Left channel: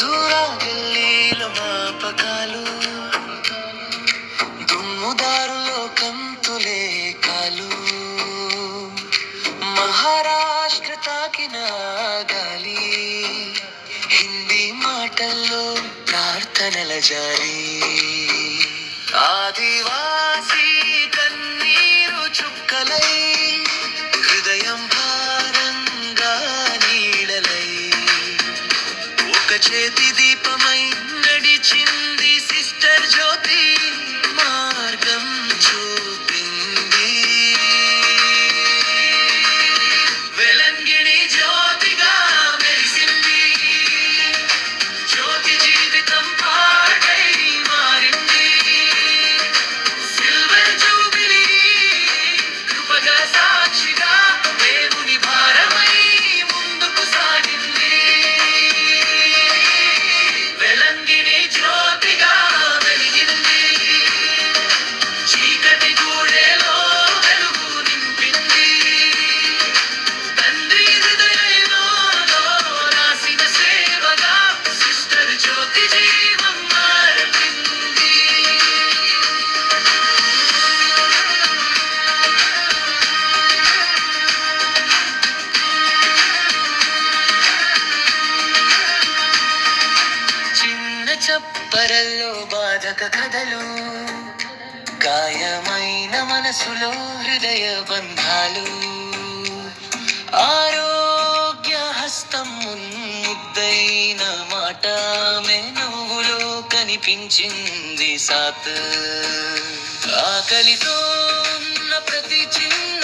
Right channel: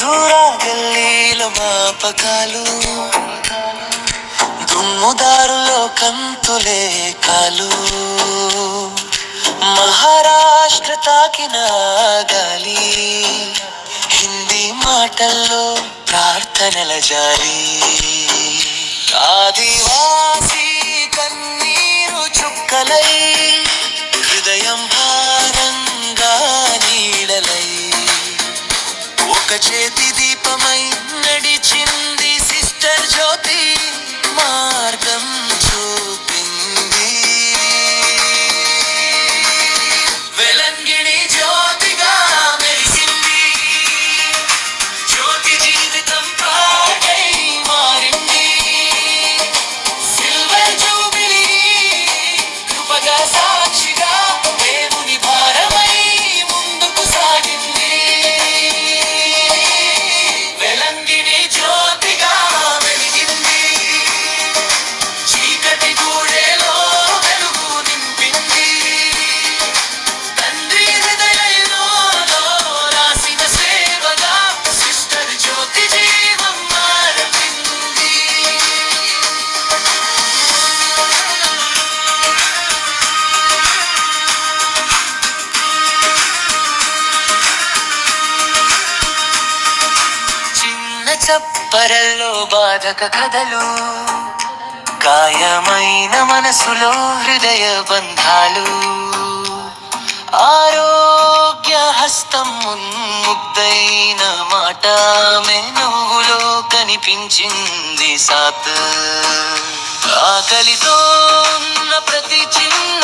హుజూరా గల్లీల మాపకాలు, దుమ్ముదారులో కంతులే కాలు, మహారాష్ట్ర తాకిన గాలి, హిందీ మాటల్లో ప్రార్థనల జారీ, ఆదివాసీ కన్నీరు చుక్కలై, హృదయం భారంగా నీడలై, ఒక చేతి దీపమై నడిచింది సిస్టర్ జ్యోతి, మార్గం చూపింది. వెలంగిణి జ్యోతిగా మెరిసింది, జ్యోతి జీవితం పాటై మారింది. సిల్వర్ జూబిలీ కృపగా సాక్షిగా దేవుని భారమై ముందుకు సాగింది. వెలంగిణి జ్యోతిగా వెలిగింది, చీకటి గూడెలో వెలుగు నింపింది. తండ్రి హృదయంలో రాసిన సేవగా సిస్టర్ జ్యోతి జీవం మార్పింది. చిన్న చప్పరల్లో బాధక కథలు, గాయమైన మనసులో హృదయ బంధాలు, ఆరోగ్య హస్తం ముద్దైన మాట మెనుగులో కనిపించింది సాత్. ఆకలితో ఉన్న ప్రతి చిన్న